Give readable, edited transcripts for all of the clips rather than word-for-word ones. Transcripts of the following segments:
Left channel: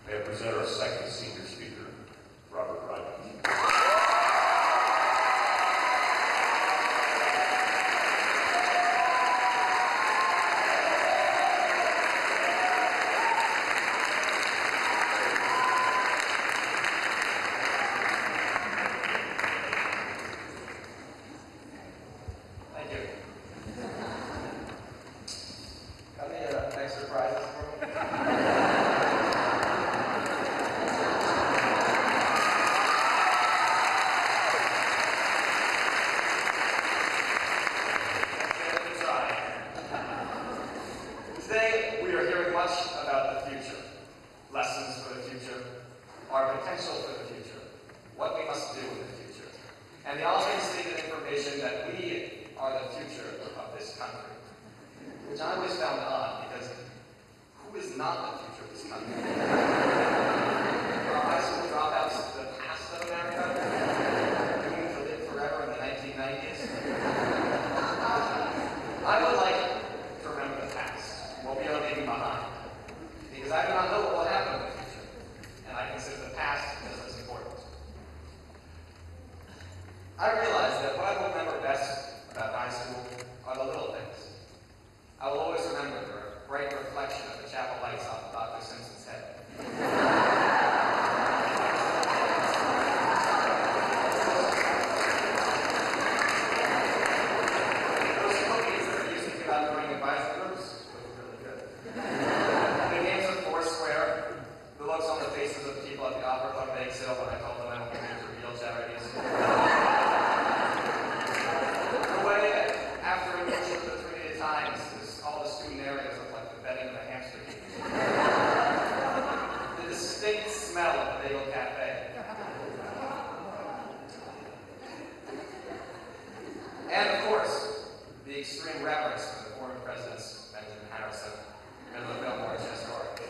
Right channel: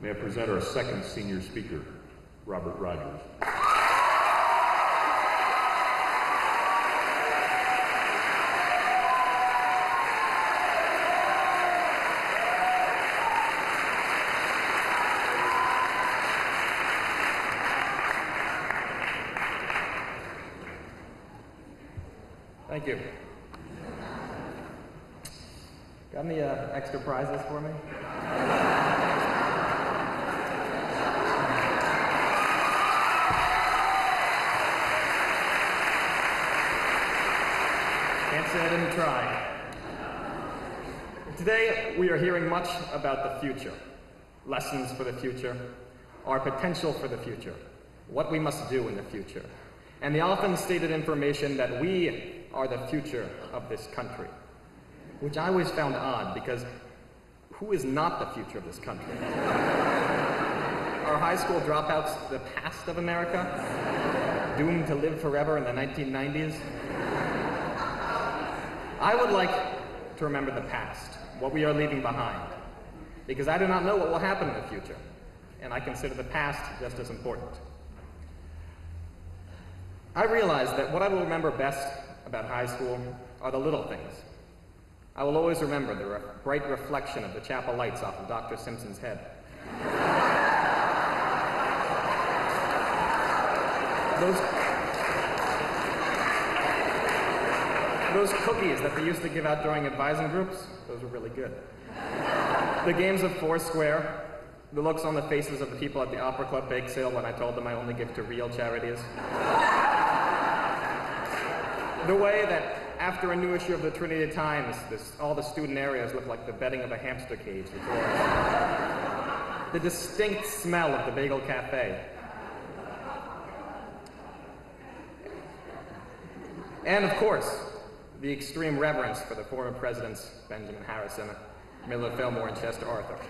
May I present our second senior speaker, Robert Ryan. Thank you. Got any extra prizes for me? Can't say I didn't try. Today, we are hearing much about the future. Lessons for the future, our potential for the future, what we must do in the future, and the often stated information that we are the future of this country, which I always found odd because who is not the future of this country? Are high school dropouts the past of America, doomed to live forever in the 1990s? I would like to remember the past, what we are leaving behind, because I do not know what will happen in the future, and I consider the past just as important. I realize that what I will remember best about high school are the little things. I will always remember the bright reflection of the chapel lights off of Dr. Simpson's head. Those cookies that they used to give out during advising groups, those were really good. The games of Foursquare, the looks on the faces of the people at the Opera Club bake sale when I told them I only give to real charities. The way that after a new issue of the Trinity Times, all the student areas look like the bedding of a hamster cage. The distinct smell of the bagel cafe. And of course, the extreme reverence for the former presidents Benjamin Harrison, Millard Fillmore, and Chester Arthur.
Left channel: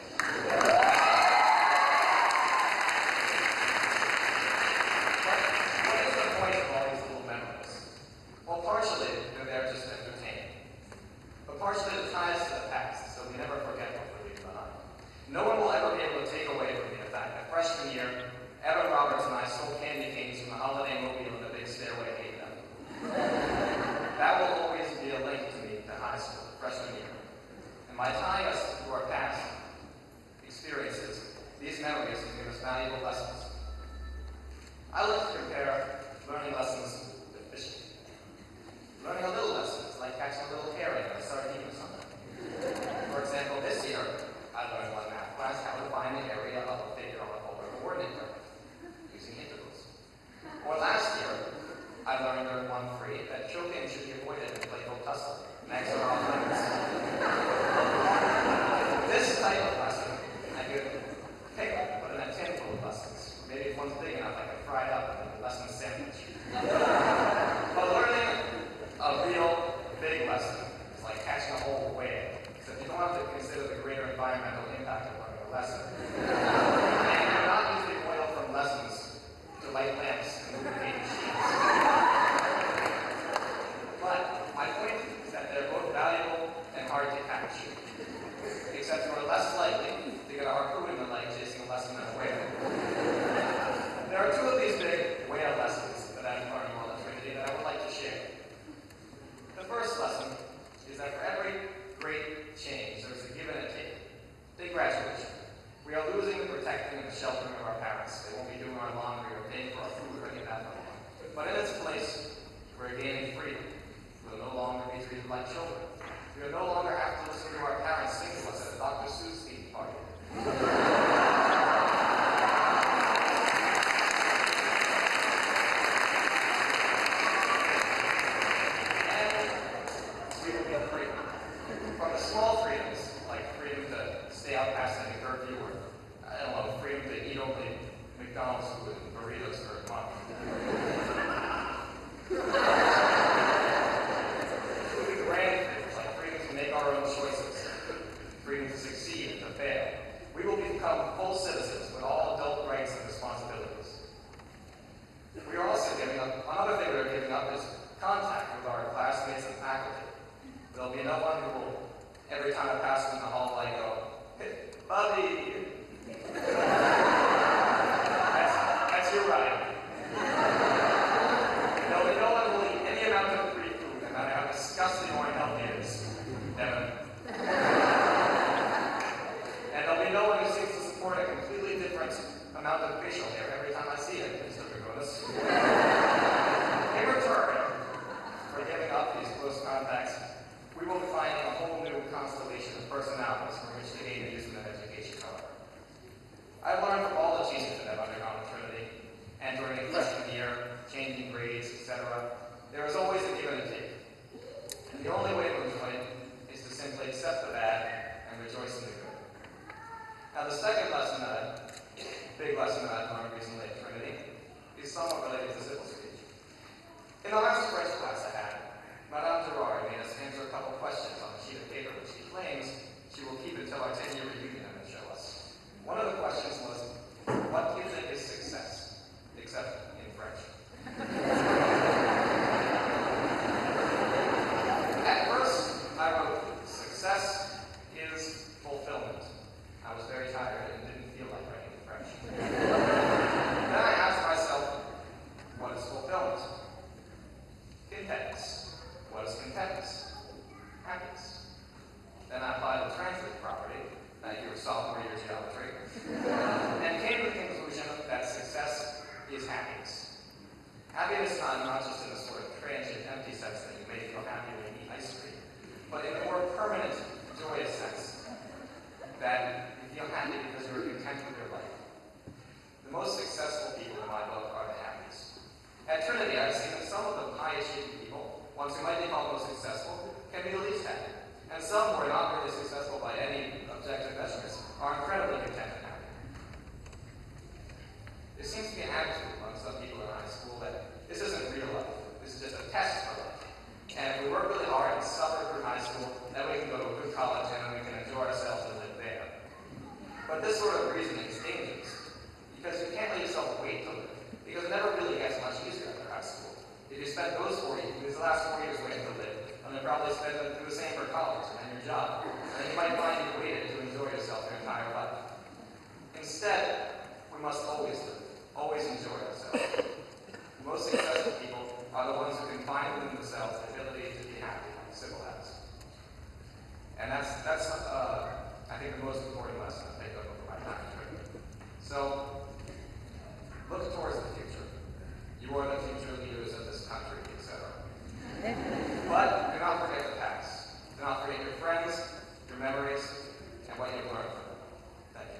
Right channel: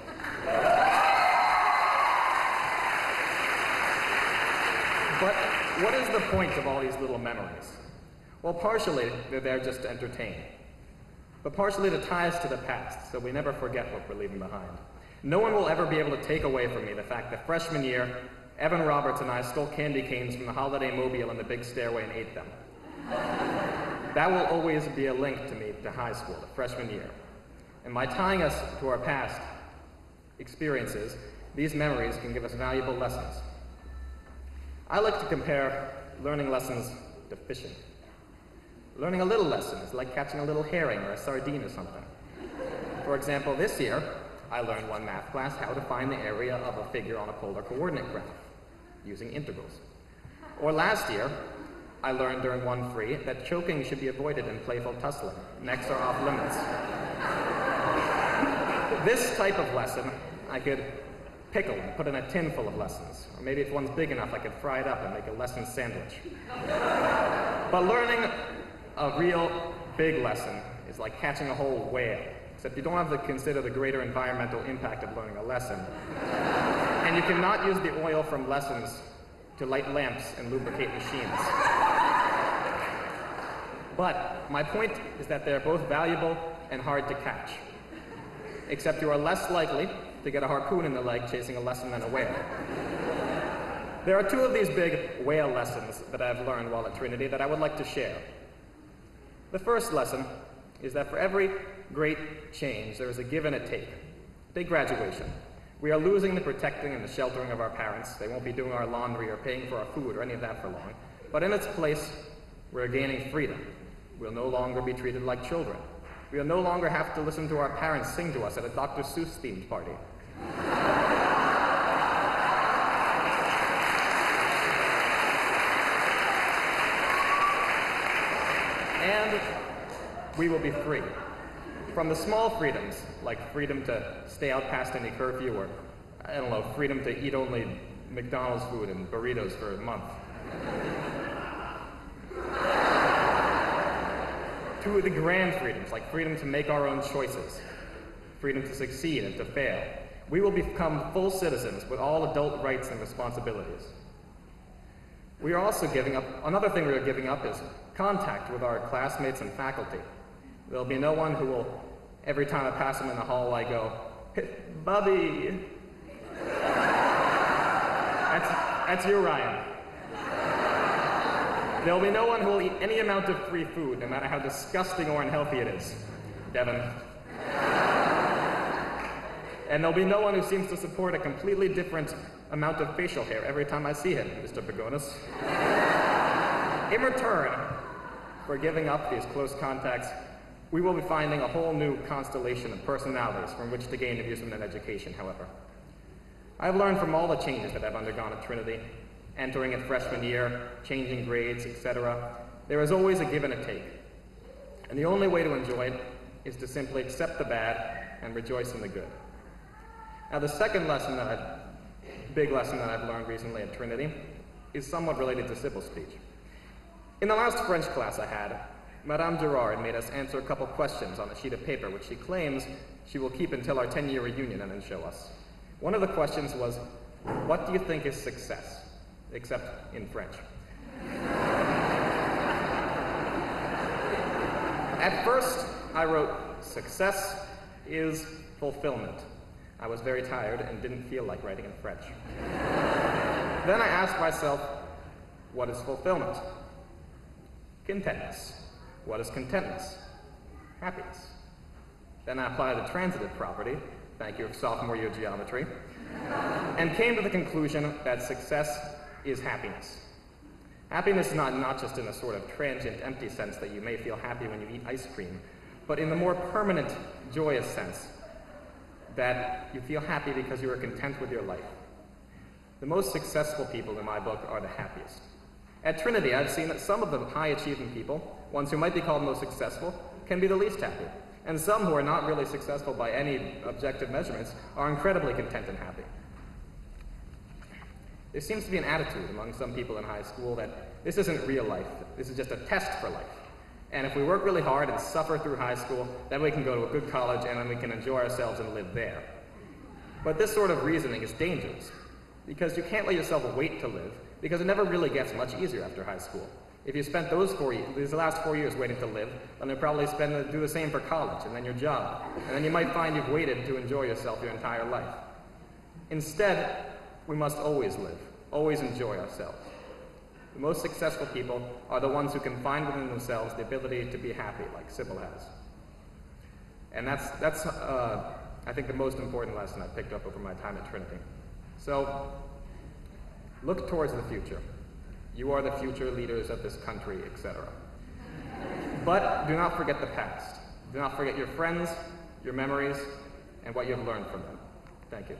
But what is the point of all these little memories? Well, partially, they're there just to entertain. But partially to tie us to the past, so we never forget what we're leaving behind. No one will ever be able to take away from me the fact that freshman year, Evan Roberts and I stole candy canes from the Holiday Mobile in the big stairway and ate them. That will always be a link to me to high school, freshman year. And by tying us to our past experiences, these memories can give us valuable lessons. I like to compare learning lessons to fishing. Learning a little lesson is like catching a little herring or a sardine or something. For example, this year, I learned one math class how to find the area of a figure on a polar coordinate graph using integrals. Or last year, I learned during 1-3 that choking should be avoided in playful tussling. Necks are off limits. This type of lesson I could pickle and put in a tin full of lessons. Or maybe if one's big enough, I could fry it up and make a lesson sandwich. But learning a real big lesson is like catching a whole whale, except you don't have to consider the greater environmental impact of learning a lesson. And you cannot use the oil from lessons to light lamps and lubricate machines. But my point is that they're both valuable and hard to catch, except you are less likely to get a harpoon in the leg chasing a lesson than a whale. There are two of these big whale lessons that I've learned while at Trinity that I would like to share. The first lesson is that for every great change, there is a give and a take. Take graduation. We are losing the protecting and the sheltering of our parents. They won't be doing our laundry or paying for our food or any of that for long. But in its place, we're gaining freedom. We'll no longer be treated like children. We'll no longer have to listen to our parents sing to us at a Dr. Seuss themed party. And we will be free. From the small freedoms, like freedom to stay out past any curfew, or, I don't know, freedom to eat only McDonald's food and burritos for a month. To the grand freedoms, like freedom to make our own choices, freedom to succeed and to fail. We will become full citizens with all adult rights and responsibilities. We are also giving up, another thing we're giving up is contact with our classmates and faculty. There'll be no one who will, every time I pass them in the hall, I go, "Hey, Bobby." That's you, Ryan. There'll be no one who will eat any amount of free food, no matter how disgusting or unhealthy it is. Devin. And there'll be no one who seems to support a completely different amount of facial hair every time I see him, Mr. Pagonis. In return for giving up these close contacts, we will be finding a whole new constellation of personalities from which to gain amusement and education, however. I've learned from all the changes that I've undergone at Trinity, entering its freshman year, changing grades, etc. There is always a give and a take. And the only way to enjoy it is to simply accept the bad and rejoice in the good. Now, the second big lesson that I've learned recently at Trinity is somewhat related to civil speech. In the last French class I had, Madame Gerard made us answer a couple questions on a sheet of paper, which she claims she will keep until our 10-year reunion and then show us. One of the questions was, what do you think is success? Except in French. At first, I wrote, success is fulfillment. I was very tired and didn't feel like writing in French. Then I asked myself, what is fulfillment? Contentness. What is contentness? Happiness. Then I applied the transitive property, thank you, sophomore year geometry, and came to the conclusion that success is happiness. Happiness is not just in a sort of transient, empty sense that you may feel happy when you eat ice cream, but in the more permanent, joyous sense that you feel happy because you are content with your life. The most successful people in my book are the happiest. At Trinity, I've seen that some of the high-achieving people, ones who might be called most successful, can be the least happy. And some who are not really successful by any objective measurements are incredibly content and happy. There seems to be an attitude among some people in high school that this isn't real life, this is just a test for life. And if we work really hard and suffer through high school, then we can go to a good college and then we can enjoy ourselves and live there. But this sort of reasoning is dangerous, because you can't let yourself wait to live, because it never really gets much easier after high school. If you spent these last 4 years waiting to live, then you'll probably do the same for college, and then your job. And then you might find you've waited to enjoy yourself your entire life. Instead, we must always live, always enjoy ourselves. The most successful people are the ones who can find within themselves the ability to be happy, like Sybil has. And that's I think, the most important lesson I've picked up over my time at Trinity. So, look towards the future. You are the future leaders of this country, etc. But do not forget the past. Do not forget your friends, your memories, and what you've learned from them. Thank you.